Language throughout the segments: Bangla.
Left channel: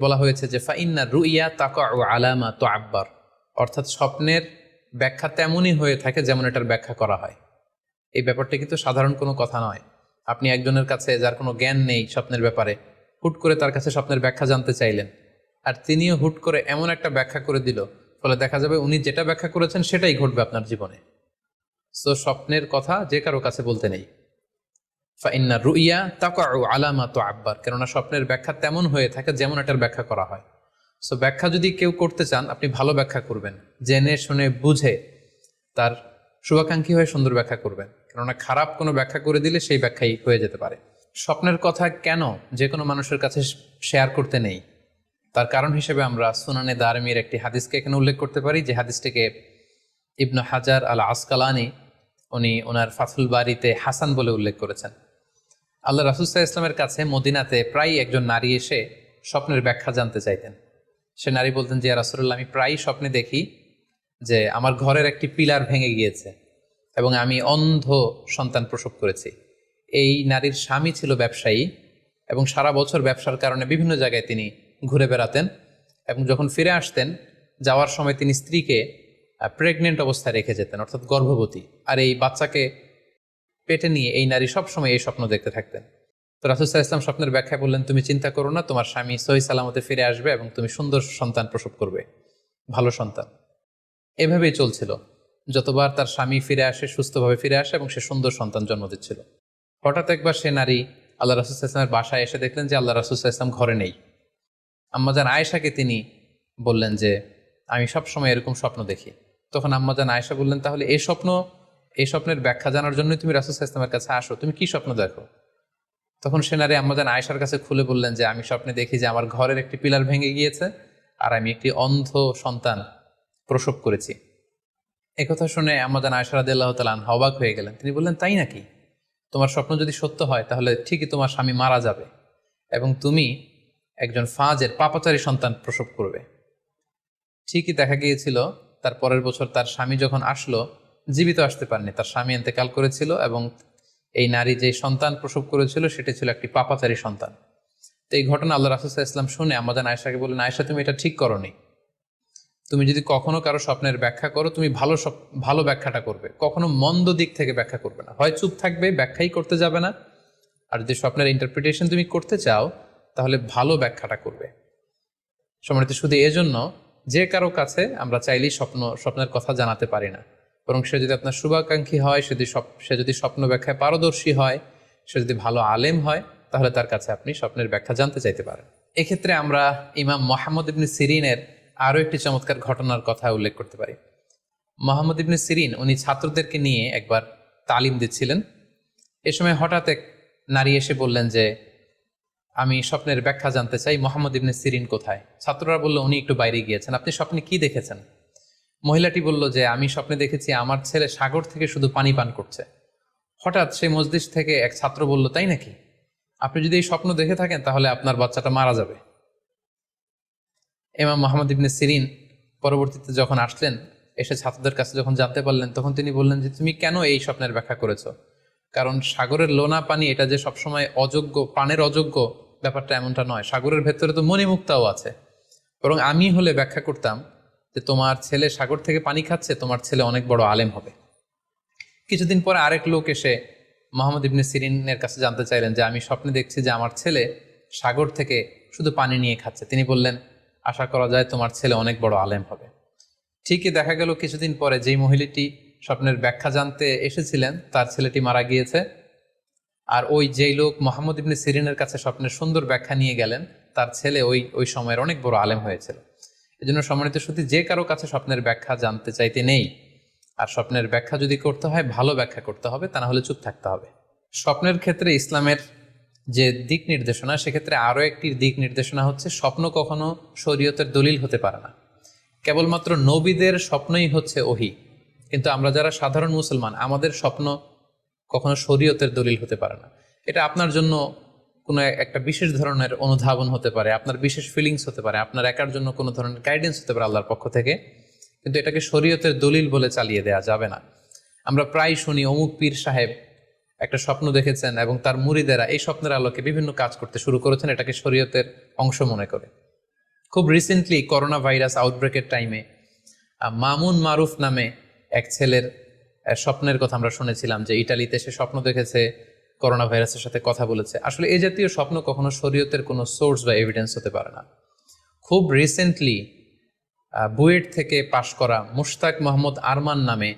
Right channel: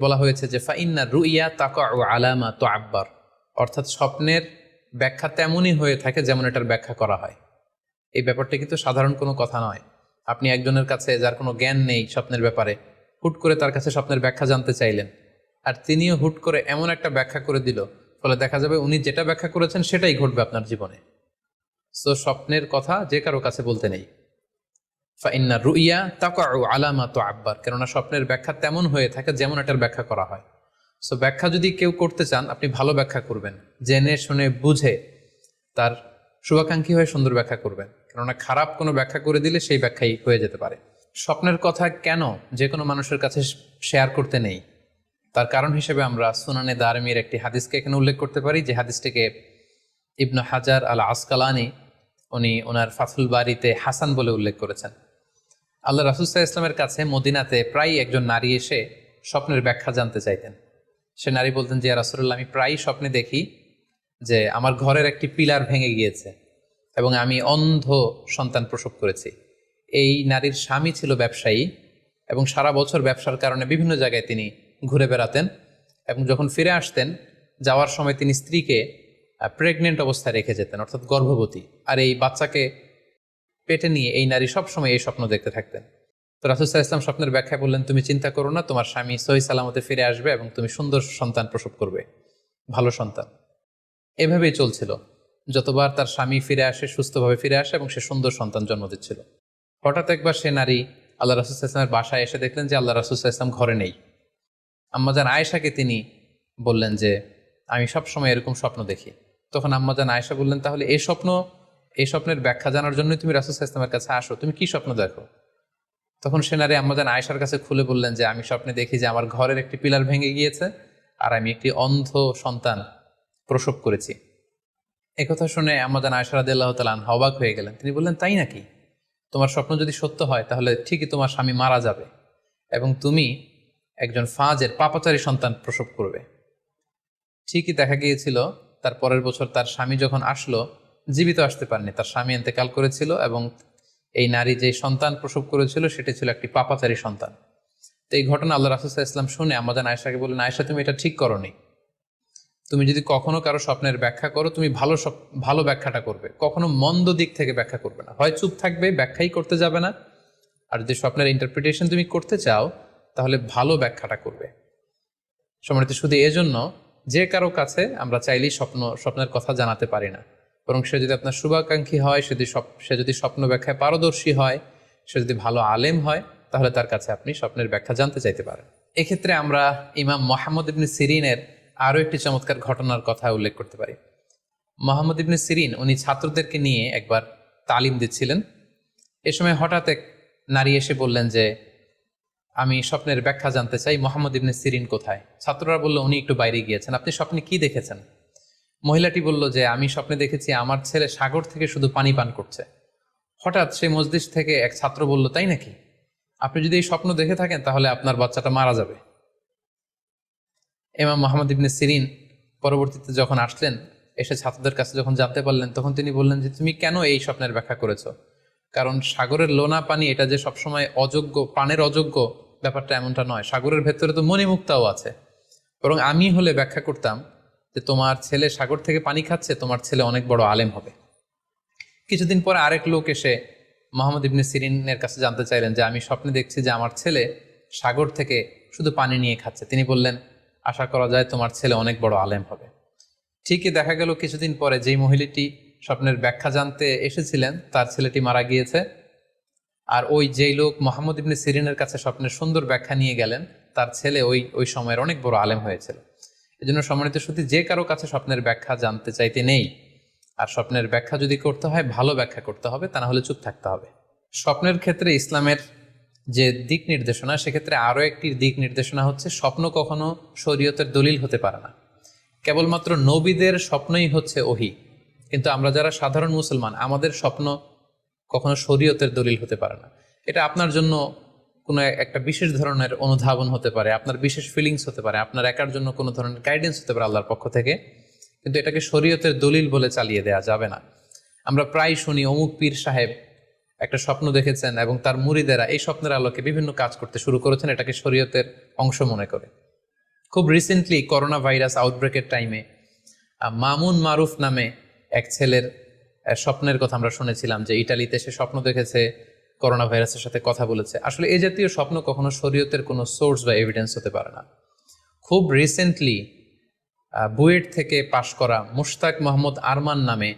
বলা হয়েছে যে ফাইন্না রুইয়া তাকাউ আলামা তুআব্বার, অর্থাৎ স্বপ্নের ব্যাখ্যা তেমনই হয়ে থাকে যেমন এটার ব্যাখ্যা করা হয়। এই ব্যাপারটা কিন্তু সাধারণ কোনো কথা নয়। আপনি একজনের কাছে যার কোনো জ্ঞান নেই স্বপ্নের ব্যাপারে, হুট করে তার কাছে স্বপ্নের ব্যাখ্যা জানতে চাইলেন, আর তিনিও হুট করে এমন একটা ব্যাখ্যা করে দিল, ফলে দেখা যাবে উনি যেটা ব্যাখ্যা করেছেন সেটাই ঘটবে আপনার জীবনে। সো স্বপ্নের কথা যে কারো কাছে বলতে নেই। ফাইন্না রুইয়া তাকাউ আলামা তুআব্বার, কেননা স্বপ্নের ব্যাখ্যা তেমন হয়ে থাকে যেমন এটার ব্যাখ্যা করা হয়। সো ব্যাখ্যা যদি কেউ করতে চান, আপনি ভালো ব্যাখ্যা করবেন, জেনে শুনে বুঝে তার শুভাকাঙ্ক্ষী হয়ে সুন্দর ব্যাখ্যা করবেন, কেননা খারাপ কোনো ব্যাখ্যা করে দিলে সেই ব্যাখ্যাই হয়ে যেতে পারে। স্বপ্নের কথা কেন যে কোনো মানুষের কাছে শেয়ার করতে নেই, তার কারণ হিসেবে আমরা সুনানে দারমির একটি হাদিসকে এখানে উল্লেখ করতে পারি, যে হাদিসটিকে ইবনু হাজার আল আসকালানি উনি ওনার ফাথুল বারিতে হাসান বলে উল্লেখ করেছেন। আল্লাহ রাসূল সাল্লাল্লাহু আলাইহি ওয়াসাল্লামের কাছে মদিনাতে প্রায় একজন নারী এসে স্বপ্নের ব্যাখ্যা জানতে চাইতেন। সে নারী বলতেন যে, ইয়া রাসূলুল্লাহ, আমি প্রায়ই স্বপ্নে দেখি যে আমার ঘরের একটি পিলার ভেঙে গিয়েছে এবং আমি অন্ধ সন্তান প্রসব করেছি। এই নারীর স্বামী ছিল ব্যবসায়ী এবং সারা বছর ব্যবসার কারণে বিভিন্ন জায়গায় তিনি ঘুরে বেড়াতেন, এবং যখন ফিরে আসতেন যাওয়ার সময় তিনি স্ত্রীকে প্রেগনেন্ট অবস্থায় রেখে যেতেন, অর্থাৎ গর্ভবতী, আর এই বাচ্চাকে পেটে নিয়ে এই নারী সবসময় এই স্বপ্ন দেখতে থাকতেন। তো রাসূল সাল্লাল্লাহু আলাইহি ওয়াসাল্লাম স্বপ্নের ব্যাখ্যায় বললেন, তুমি চিন্তা করো না, তোমার স্বামী সহি সালামতে ফিরে আসবে এবং তুমি সুন্দর সন্তান প্রসব করবে, ভালো সন্তান। এভাবেই চলছিল, যতবার তার স্বামী ফিরে আসে, সুস্থভাবে ফিরে আসে এবং সে সুন্দর সন্তান জন্ম দিচ্ছিল। হঠাৎ একবার সে নারী আল্লাহ রাসূল সাল্লাল্লাহু আলাইহি ওয়াসাল্লামের বাসায় এসে দেখলেন যে আল্লাহ রাসূল সাল্লাল্লাহু আলাইহি ওয়াসাল্লাম ঘরে নেই। আম্মাজান আয়েশাকে তিনি বললেন যে, আমি সবসময় এরকম স্বপ্ন দেখি। তখন আম্মাজান আয়েশা বললেন, তাহলে এই স্বপ্নের ব্যাখ্যা জানার জন্যই তুমি রাসূল সাল্লাল্লাহু আলাইহি ওয়াসাল্লামের কাছে আসো, তুমি কি স্বপ্ন দেখো? তখন সে নারী আম্মাজান আয়েশার কাছে খুলে বললেন যে, আমি স্বপ্নে দেখি যে আমার ঘরের একটি পিলার ভেঙে গিয়েছে আর আমি একটি অন্ধ সন্তান প্রসব করেছি। একথা শুনে আম্মাজান আয়েশা রাদিয়াল্লাহু তাআলা আনহা অবাক হয়ে গেলেন। তিনি বললেন, তাই নাকি? তোমার স্বপ্ন যদি সত্য হয় তাহলে ঠিকই তোমার স্বামী মারা যাবে এবং তুমি একজন ফাজের পাপাচারী সন্তান প্রসব করবে। ঠিকই দেখা গিয়েছিল, তার পরের বছর তার স্বামী যখন আসলো, জীবিত আসতে পারেনি, তার স্বামী ইন্তেকাল করেছিল এবং এই নারী যে সন্তান প্রসব করেছিল সেটি ছিল একটি পাপাচারী সন্তান। তো এই ঘটনা আল্লাহ রাসূল সাল্লাল্লাহু আলাইহি ওয়াসাল্লাম শুনে আম্মাজান আয়েশাকে বললেন, আয়েশা, তুমি এটা ঠিক করোনি। তুমি যদি কখনো কারো স্বপ্নের ব্যাখ্যা করো, তুমি ভালো ব্যাখ্যাটা করবে, কখনো মন্দ দিক থেকে ব্যাখ্যা করবে না। হয় চুপ থাকবে, ব্যাখ্যাই করতে যাবে না, আর যদি স্বপ্নের ইন্টারপ্রিটেশন তুমি করতে চাও তাহলে ভালো ব্যাখ্যাটা করবে। সম্মানিত, শুধু এজন্য যে কারো কাছে আমরা চাইলেই স্বপ্নের কথা জানাতে পারি না, বরং সে যদি আপনার শুভাকাঙ্ক্ষী হয়, সে যদি স্বপ্ন ব্যাখ্যায় পারদর্শী হয়, সে যদি ভালো আলেম হয়, তাহলে তার কাছে আপনি স্বপ্নের ব্যাখ্যা জানতে চাইতে পারেন। এক্ষেত্রে আমরা ইমাম মুহাম্মদ ইবনে সিরিনের আরও একটি চমৎকার ঘটনার কথা উল্লেখ করতে পারি। মুহাম্মদ ইবনে সিরিন উনি ছাত্রদেরকে নিয়ে একবার তালিম দিচ্ছিলেন। এ সময় হঠাৎ এক নারী এসে বললেন যে, আমি স্বপ্নের ব্যাখ্যা জানতে চাই, মুহাম্মদ ইবনে সিরিন কোথায়? ছাত্ররা বলল, উনি একটু বাইরে গিয়েছেন। আপনি স্বপ্নে কি দেখেছেন? মহিলাটি বলল যে, আমি স্বপ্নে দেখেছি আমার ছেলে সাগর থেকে শুধু পানি পান করছে। হঠাৎ সেই মজলিস থেকে এক ছাত্র বলল, তাই নাকি? আপনি যদি এই স্বপ্ন দেখে থাকেন তাহলে আপনার বাচ্চাটা মারা যাবে। ইমাম মুহাম্মদ ইবনে সিরিন পরবর্তীতে যখন আসলেন, এসে ছাত্রদের কাছে যখন জানতে পারলেন, তখন তিনি বললেন যে, তুমি কেন এই স্বপ্নের ব্যাখ্যা করেছ? কারণ সাগরের লোনা পানি এটা যে সবসময় অযোগ্য, পানের অযোগ্য, ব্যাপারটা এমনটা নয়। সাগরের ভেতরে তো মণিমুক্তাও আছে। বরং আমি হলে ব্যাখ্যা করতাম যে, তোমার ছেলে সাগর থেকে পানি খাচ্ছে, তোমার ছেলে অনেক বড় আলেম হবে। কিছুদিন পরে আরেক লোক এসে মুহাম্মদ ইবনে সিরিনের কাছে জানতে চাইলেন যে, আমি স্বপ্নে দেখছি যে আমার ছেলে সাগর থেকে শুধু পানি নিয়ে খাচ্ছে। তিনি বললেন, আশা করা যায় তোমার ছেলে অনেক বড় আলেম হবে। ঠিকই দেখা গেল কিছুদিন পরে যেই মহিলাটি স্বপ্নের ব্যাখ্যা জানতে এসেছিলেন তার ছেলেটি মারা গিয়েছে, আর ওই যেই লোক মুহাম্মদ ইবনে সিরিনের কাছে স্বপ্নের সুন্দর ব্যাখ্যা নিয়ে গেলেন, তার ছেলে ওই সময়ের অনেক বড় আলেম হয়েছিল। এই জন্য সম্মানিত শুধু যে কারো কাছে স্বপ্নের ব্যাখ্যা জানতে চাইতে নেই, আর স্বপ্নের ব্যাখ্যা যদি করতে হয় ভালো ব্যাখ্যা করতে হবে, তা না হলে চুপ থাকতে হবে। স্বপ্নের ক্ষেত্রে ইসলামের যে দিক নির্দেশনা, সেক্ষেত্রে আরও একটি দিক নির্দেশনা হচ্ছে, স্বপ্ন কখনো শরীয়তের দলিল হতে পারে না। কেবলমাত্র নবীদের স্বপ্নই হচ্ছে ওহী, কিন্তু আমরা যারা সাধারণ মুসলমান, আমাদের স্বপ্ন কখনো শরীয়তের দলিল হতে পারে না। এটা আপনার জন্য কোনো একটা বিশেষ ধরনের অনুধাবন হতে পারে, আপনার বিশেষ ফিলিংস হতে পারে, আপনার একার জন্য কোনো ধরনের গাইডেন্স হতে পারে আল্লাহর পক্ষ থেকে, কিন্তু এটাকে শরীয়তের দলিল বলে চালিয়ে দেওয়া যাবে না। আমরা প্রায় শুনি অমুক পীর সাহেব একটা স্বপ্ন দেখেছেন এবং তার মুরিদেরা এই স্বপ্নের আলোকে বিভিন্ন কাজ করতে শুরু করেছেন, এটাকে শরীয়তের অংশ মনে করে। খুব রিসেন্টলি করোনা ভাইরাস আউটব্রেকের টাইমে মামুন মারুফ নামে এক ছেলের স্বপ্নের কথা আমরা শুনেছিলাম, যে ইটালিতে সে স্বপ্ন দেখেছে করোনা ভাইরাসের সাথে কথা বলেছে। আসলে এই জাতীয় স্বপ্ন কখনো শরীয়তের কোনো সোর্স বা এভিডেন্স হতে পারে না। খুব রিসেন্টলি বুয়েট থেকে পাশ করা মুশতাক মোহাম্মদ আরমান নামে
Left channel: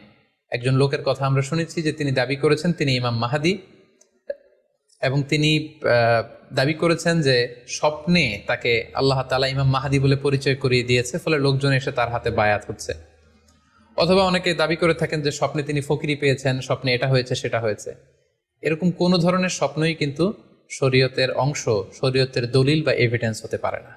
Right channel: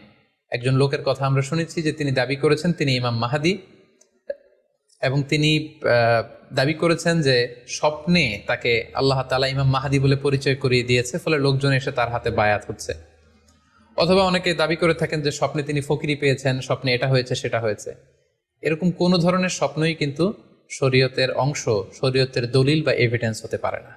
একজন লোকের কথা আমরা শুনেছি, যে তিনি দাবি করেছেন তিনি ইমাম মাহাদি, এবং তিনি দাবি করেছেন যে স্বপ্নে তাকে আল্লাহ তাআলা ইমাম মাহাদি বলে পরিচয় করিয়ে দিয়েছে, ফলে লোকজন এসে তার হাতে বায়াত হচ্ছে। অথবা অনেকে দাবি করে থাকেন যে স্বপ্নে তিনি ফকিরি পেয়েছেন, স্বপ্নে এটা হয়েছে সেটা হয়েছে। এরকম কোনো ধরনের স্বপ্নই কিন্তু শরীয়তের অংশ, শরীয়তের দলিল বা এভিডেন্স হতে পারে না।